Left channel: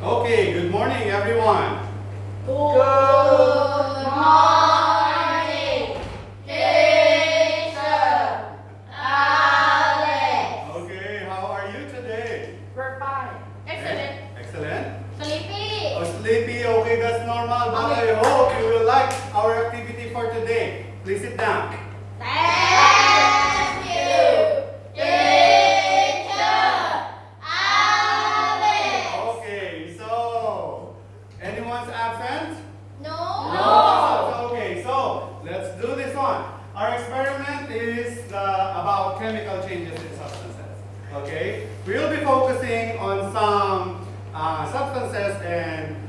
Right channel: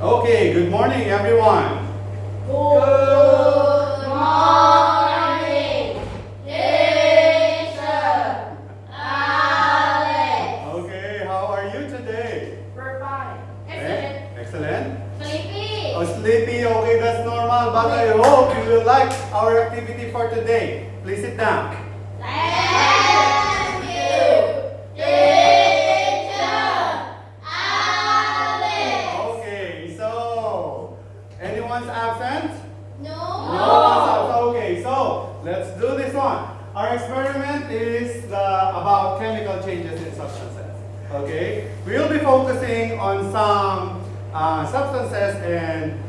Okay, good morning everyone. Good morning, teacher Alex. Okay, how are you today? We're fine. Eh? Excellent. Sleepy. Oh, sleepy. Okay, that's normal. But I hope you will like our activity for today. Please sit down. Thank you, teacher Alex. Okay, so anyone's absent? No. No one's absent. Okay, so let's do this one. Our experiment is about chemical changes in substances. Okay, we'll be focusing on some substances and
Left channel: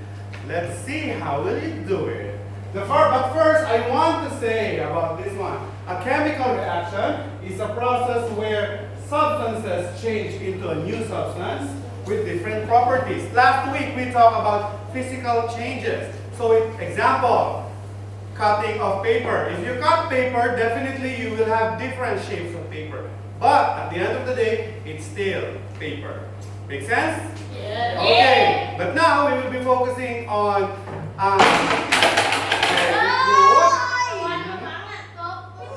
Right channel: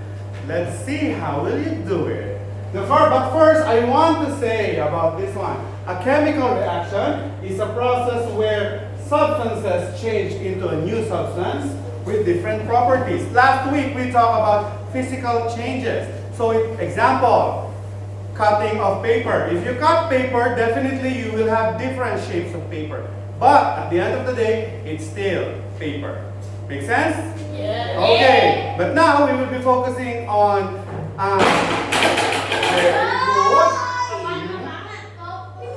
let's see how will you do it. But first, I want to say about this one. A chemical reaction is a process where substances change into a new substance with different properties. Last week, we talked about physical changes. So, example, cutting of paper. If you cut paper, definitely you will have different shapes of paper. But at the end of the day, it's still paper. Make sense? Yeah. Okay, but now we will be focusing on very good.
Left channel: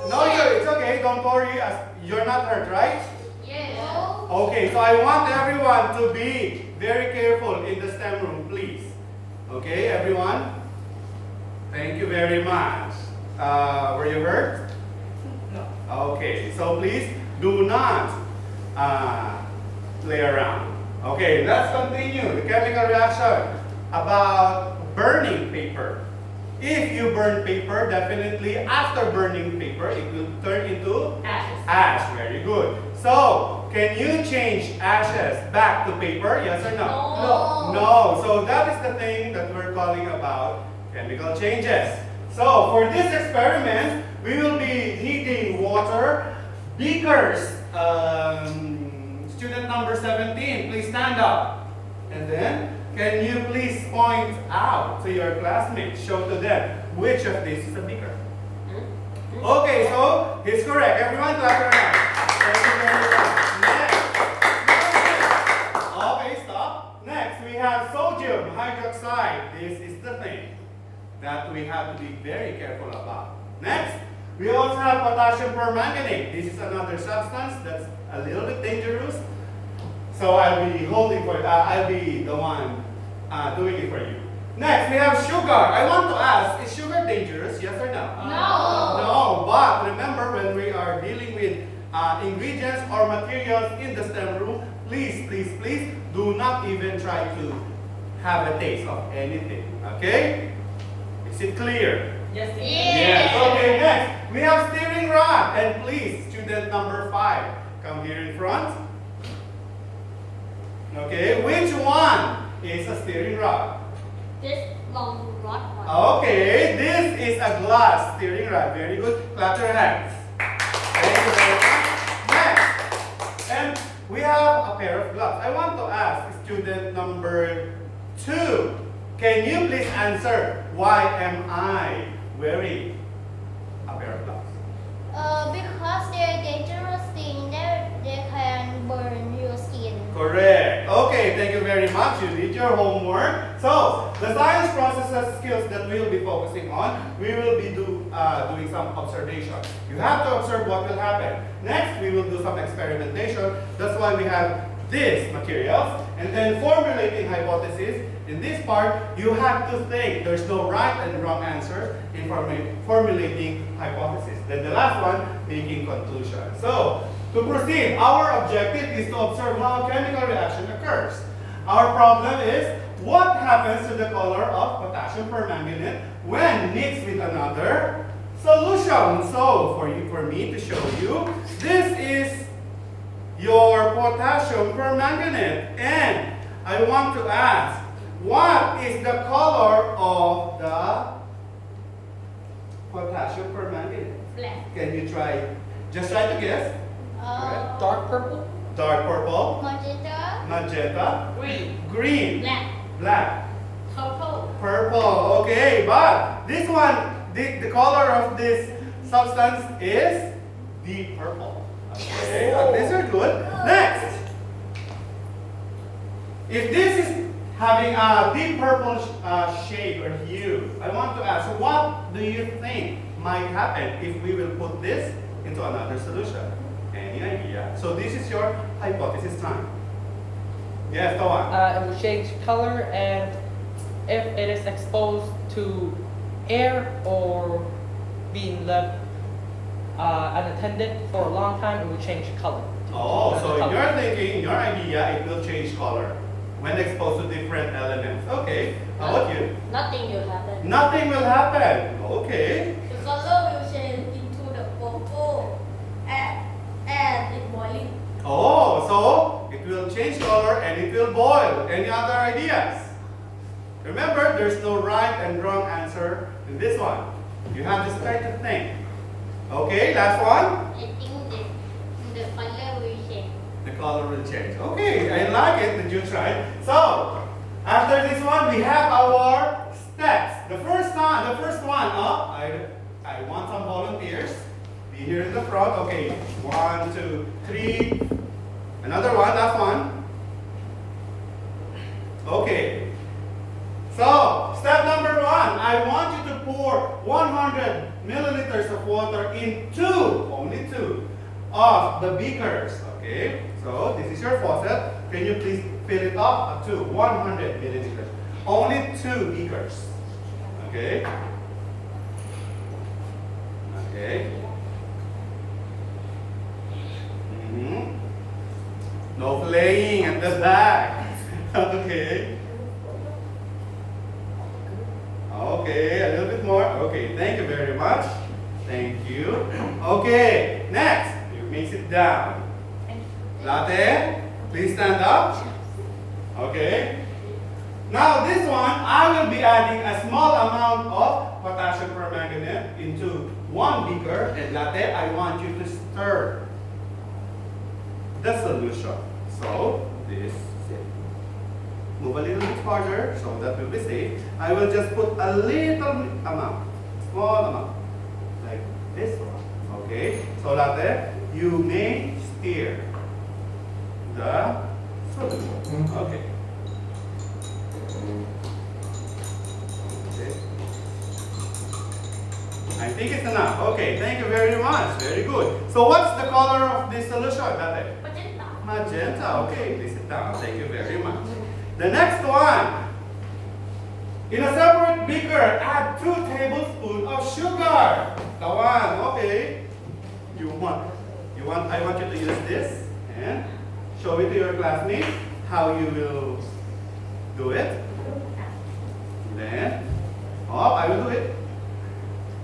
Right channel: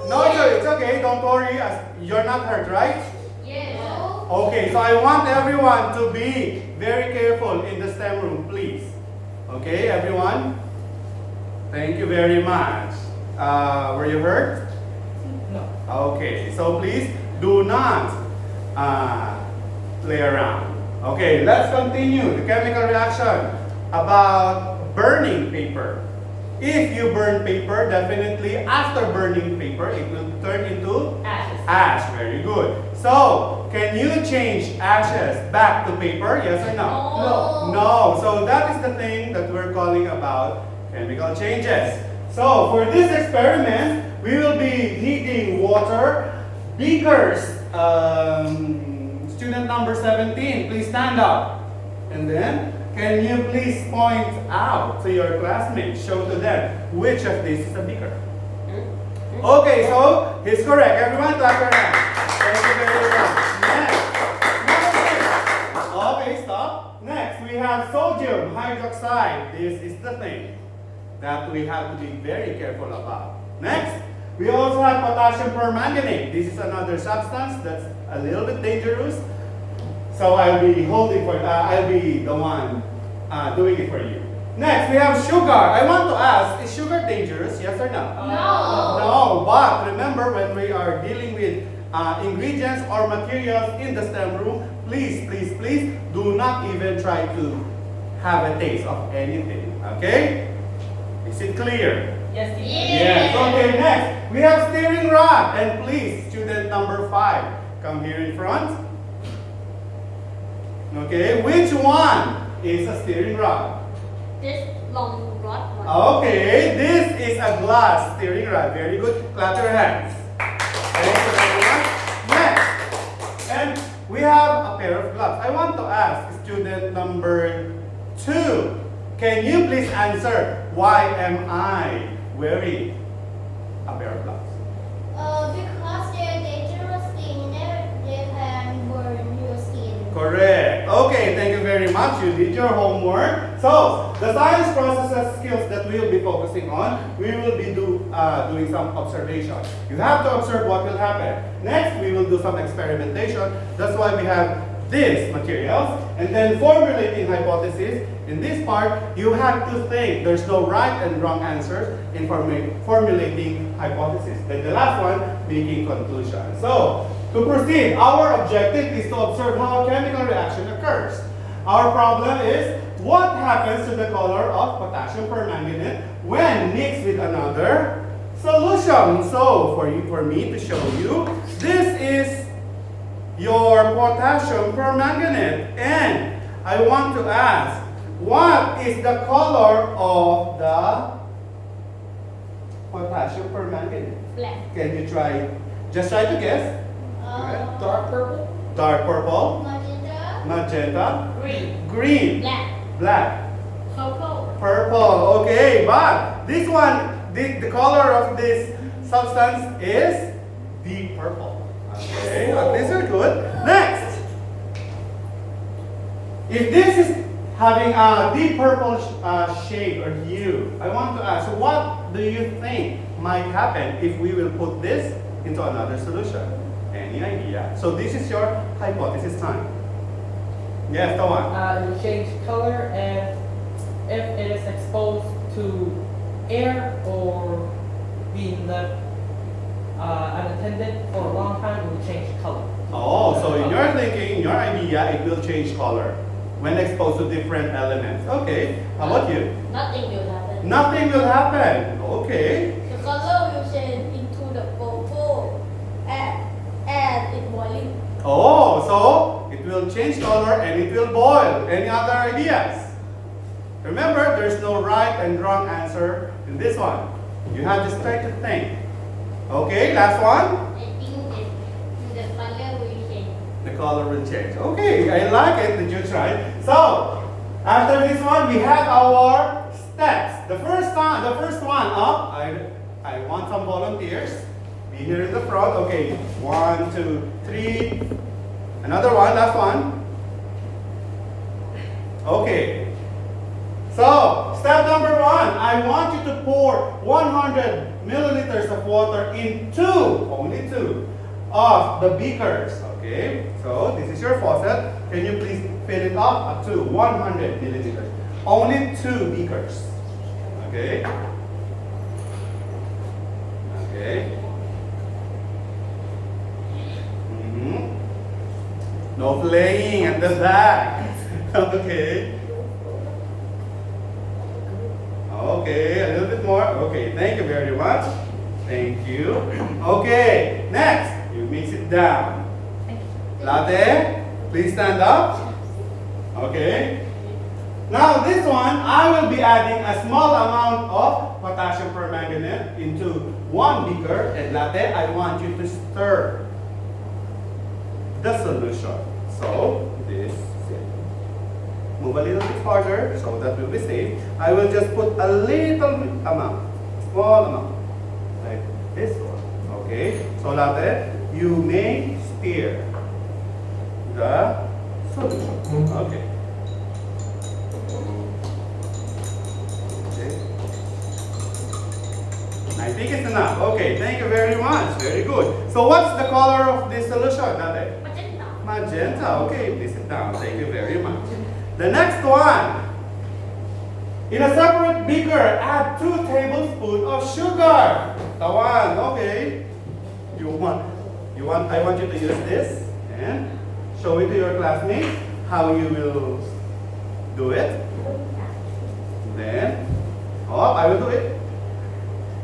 No, it's okay. Don't worry. You're not hurt, right? Yes. Okay, so I want everyone to be very careful in the STEM room, please. Okay, everyone? Thank you very much. Were you hurt? No. Okay, so please do not play around. Okay, let's continue the chemical reaction about burning paper. If you burn paper, definitely after burning paper, it will turn into Ashes. ash. Very good. So, can you change ashes back to paper? Yes or no? No. No. So that is the thing that we're calling about chemical changes. So, for this experiment, we will be needing water, beakers. Student number 17, please stand up. And then, can you please point out to your classmates, show to them which of these is a beaker? Okay, so it's correct. Everyone clap your hands. Thank you very much. Next. Okay, stop. Next, we have sodium hydroxide. This is the thing that we have to be very careful about. Next, we also have potassium permanganate. This is another substance that's a little bit dangerous. So I'll be I'll be the one doing it for you. Next, we have sugar. I want to ask, is sugar dangerous? Yes or no? No. No, but remember when we are dealing with ingredients or materials in the STEM room, please, please, please do not even try to have a taste of anything. Okay? Is it clear? Yes. Yes. Okay, next, we have steering rod. And please, student number 5, come here in front. Okay, which one is a steering rod? This long rod one. Okay, this is a glass steering rod. Very good. Clap your hands. Thank you very much. Next, and we have a pair of gloves. I want to ask student number 2. Can you please answer why am I wearing a pair of gloves? Because they're dangerous thing. They can burn your skin. Correct. Okay, thank you very much. You did your homework. So, the science processes skills that we'll be focusing on, we will be doing some observation. You have to observe what will happen. Next, we will do some experimentation. That's why we have these materials. And then formulating hypothesis. In this part, you have to think. There's no right and wrong answers in formulating hypothesis. Then the last one, making conclusion. So, to proceed, our objective is to observe how a chemical reaction occurs. Our problem is, what happens to the color of potassium permanganate when mixed with another solution? So, for me to show you, this is your potassium permanganate. And I want to ask, what is the color of the potassium permanganate? Black. Can you just try to guess? Dark purple. Dark purple, Magenta. magenta, Green. green, Black. black, Purple. purple. Okay, but this one, the color of this substance is deep purple. Okay, at least you're good. Next, if this having a deep purple shade or hue. I want to ask, what do you think might happen if we will put this into another solution? Any idea? So this is your hypothesis time. Yes, the one. It will change color, and if it is exposed to air or being left unattended for a long time, it will change color. Oh, so in your thinking, in your idea, it will change color when exposed to different elements. Okay, how about you? Nothing will happen. Nothing will happen. Okay. The color will change into the purple and it boiling. Oh, so it will change color and it will boil. Any other ideas? Remember, there's no right and wrong answer in this one. You have to start to think. Okay, last one. I think the color will change. The color will change. Okay, I like it that you tried. So, after this one, we have our steps. The first one up. I want some volunteers. Be here in the front. Okay, 1, 2, 3. Another one, last one. Okay. So, step number 1, I want you to pour 100 milliliters of water in only two, of the beakers. Okay, so this is your faucet. Can you please fill it up to 100 milliliters? Only 2 beakers. Okay. Okay. No playing at the back. Okay. Okay, a little bit more. Okay, thank you very much. Thank you. Okay, next, you may sit down. Latte, please stand up. Okay. Now this one, I will be adding a small amount of potassium permanganate into 1 beaker. And Latte, I want you to stir the solution. So, this is it. Move a little bit farther so that will be safe. I will just put a little amount, small amount, like this one. Okay? So Latte, you may stir the solution. Okay. Okay. I think it's enough. Okay, thank you very much. Very good. So what's the color of this solution, Latte? Magenta. Magenta. Okay, please sit down. Thank you very much. The next one. In a separate beaker, add 2 tablespoons of sugar. The one, okay. I want you to use this and show it to your classmates how you will do it. Then, I will do it.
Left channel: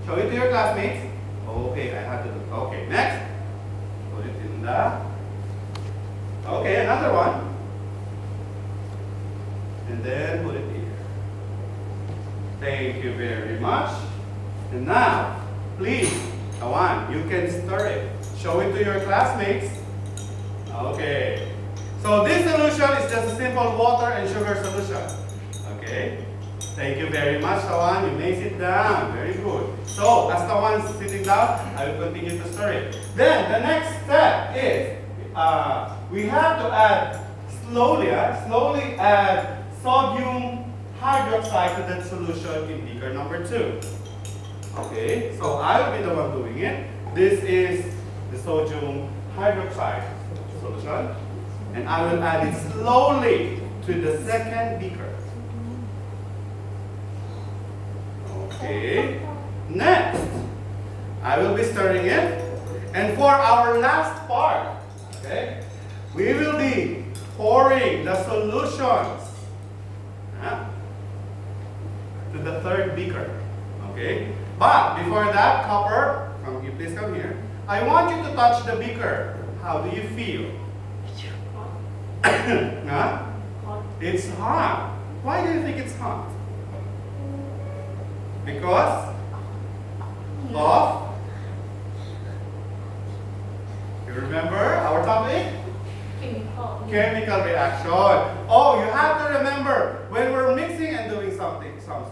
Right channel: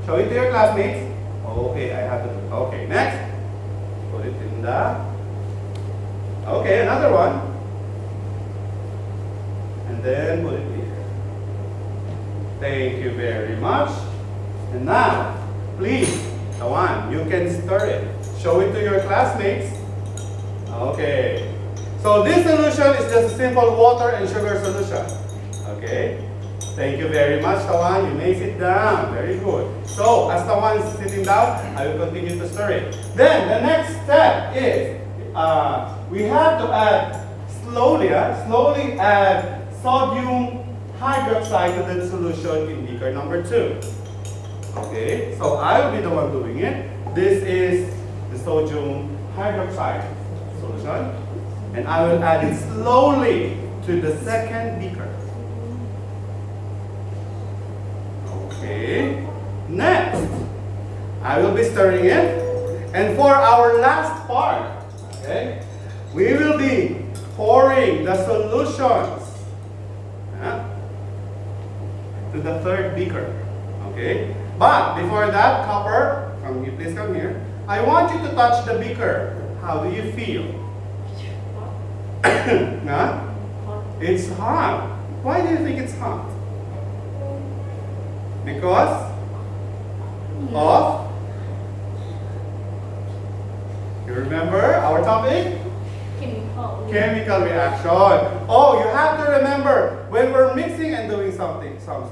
Show it to your classmates. Okay, I have to do it. Okay, next. Put it in the. Okay, another one. And then put it here. Thank you very much. And now, please, Tawan, you can stir it. Show it to your classmates. Okay. So this solution is just a simple water and sugar solution. Okay. Thank you very much, Tawan. You may sit down. Very good. So, as Tawan is sitting down, I will continue to stir it. Then, the next step is, we have to add slowly add sodium hydroxide to that solution in beaker number 2. Okay, so I will be the one doing it. This is the sodium hydroxide solution. And I will add it slowly to the second beaker. Okay, next, I will be stirring it. And for our last part, okay, we will be pouring the solutions to the third beaker. Okay? But before that, Copper, please come here. I want you to touch the beaker. How do you feel? Huh? It's hot. Why do you think it's hot? Because of? You remember our topic? Chemical reaction. Oh, you have to remember, when we're mixing and doing some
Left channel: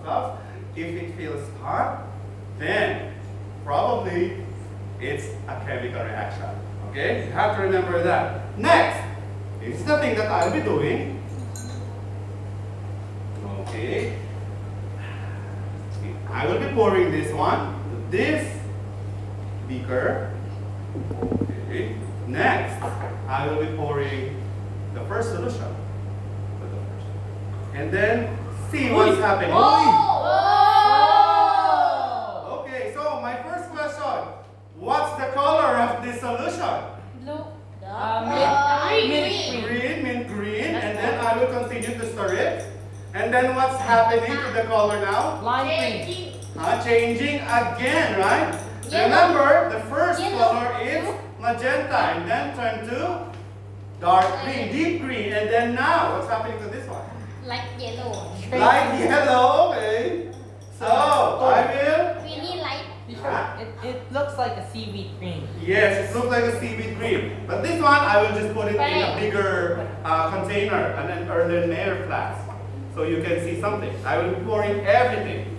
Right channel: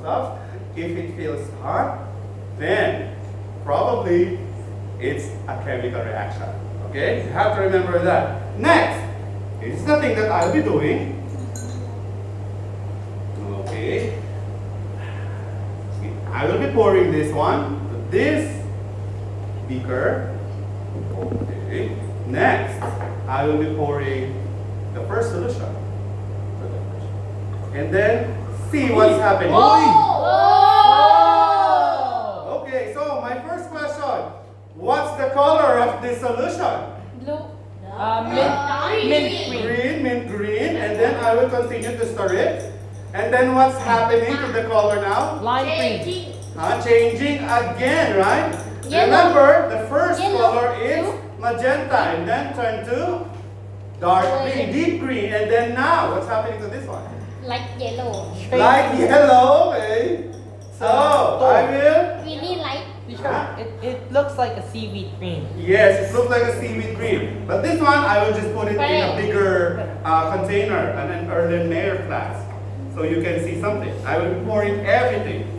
stuff, if it feels hot, then probably it's a chemical reaction. Okay? You have to remember that. Next, this is the thing that I'll be doing. pouring this one to this beaker. Okay. Next, I will be pouring the first solution to the first. And then see what's happening. Oh! Okay, so my first question. What's the color of this solution? Blue. Mint green. And then I will continue to stir it. And then what's happening to the color now? Lime green. Changing again, right? Yellow. Remember, the first Yellow. color is magenta and then turn to dark green, deep green. And then now, what's happening to this one? Like yellow. Light yellow, okay. So, I will, Really light. Yeah. It looks like a seaweed green. yes, it looks like a seaweed green. But this one, I will just put it in a bigger container, an earthenware flask. So you can see something. I will be pouring everything.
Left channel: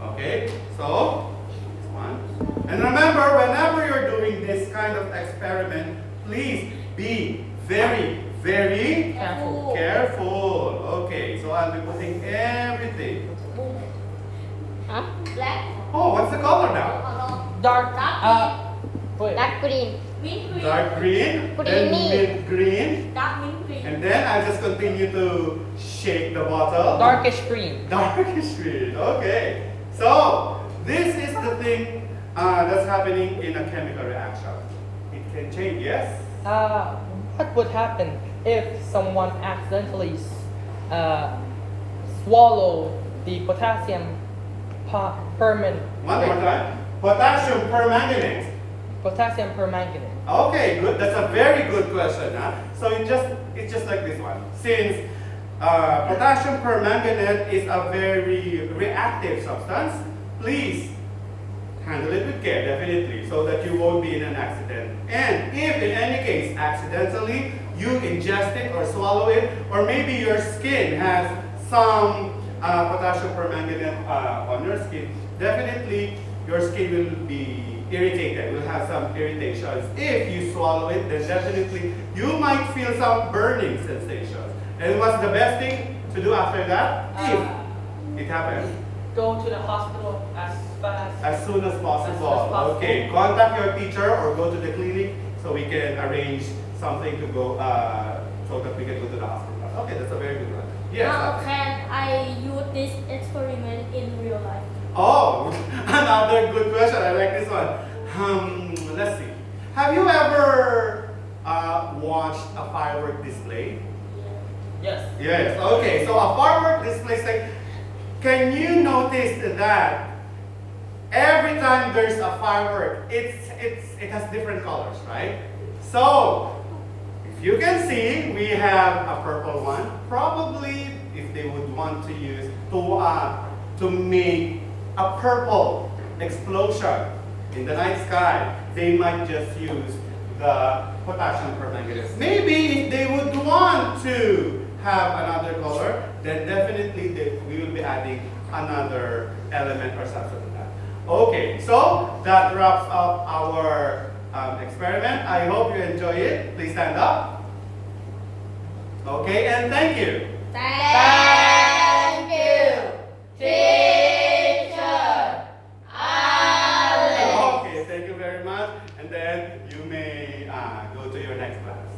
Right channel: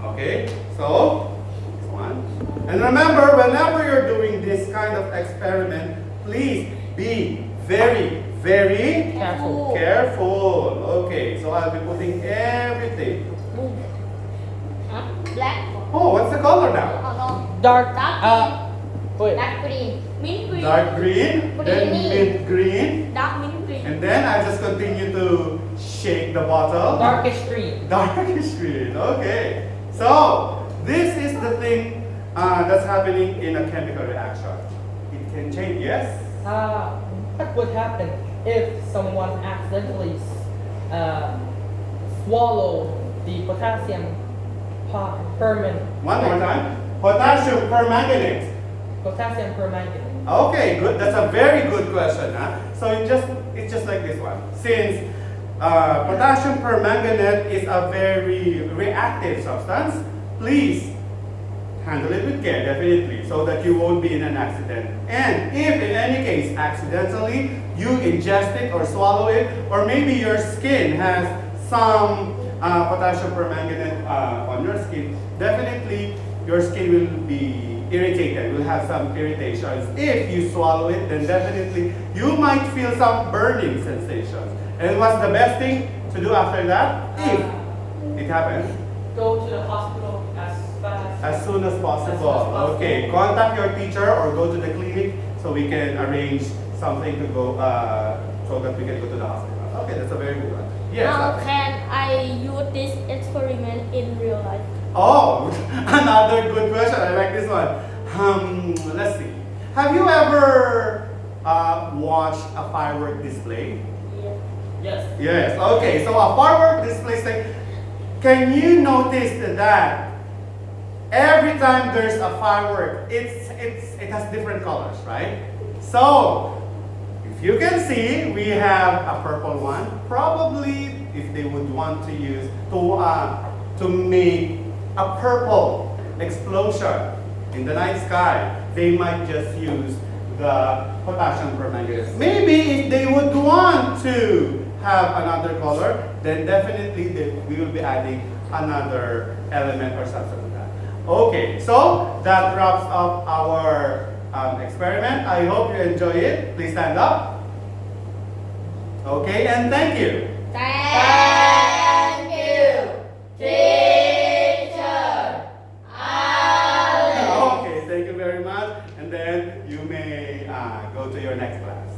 Okay, so this one. And remember, whenever you're doing this kind of experiment, please be very, very Careful. careful. Okay, so I'll be putting everything. Huh? Black. Oh, what's the color now? Dark. Wait. Dark green. Mint green. Dark green, then mint green, Dark mint green. and then I just continue to shake the bottle. Darkish green. Darkish green. Okay. So this is the thing that's happening in a chemical reaction. It can change. Yes. What would happen if someone accidentally swallow the potassium permanganate? One more time. Potassium permanganate. Potassium permanganate. Okay, good. That's a very good question. Huh? So it's just like this one. Since potassium permanganate is a very reactive substance, please handle it with care, definitely, so that you won't be in an accident. And if in any case, accidentally, you ingest it or swallow it, or maybe your skin has some potassium permanganate on your skin, definitely your skin will be irritated, will have some irritations. If you swallow it, then definitely you might feel some burning sensations. And what's the best thing to do after that? If it happens? Go to the hospital As soon as possible. Okay, contact your teacher or go to the clinic so we can arrange something to go, so that we can go to the hospital. Okay, that's a very good one. Yes. Can I use this experiment in real life? Oh, another good question. I like this one. Let's see. Have you ever watched a firework display? Yes. Yes. Okay. So a firework display is like, can you notice that every time there's a firework, it has different colors, right? So if you can see, we have a purple one. Probably, if they would want to use to make a purple explosion in the night sky, they might just use the potassium permanganate. Maybe if they would want to have another color, then definitely we will be adding another element or substance to that. Okay, so that wraps up our experiment. I hope you enjoy it. Please stand up. Okay, and thank you. Thank you, teacher. Okay, thank you very much. And then you may go to your next class.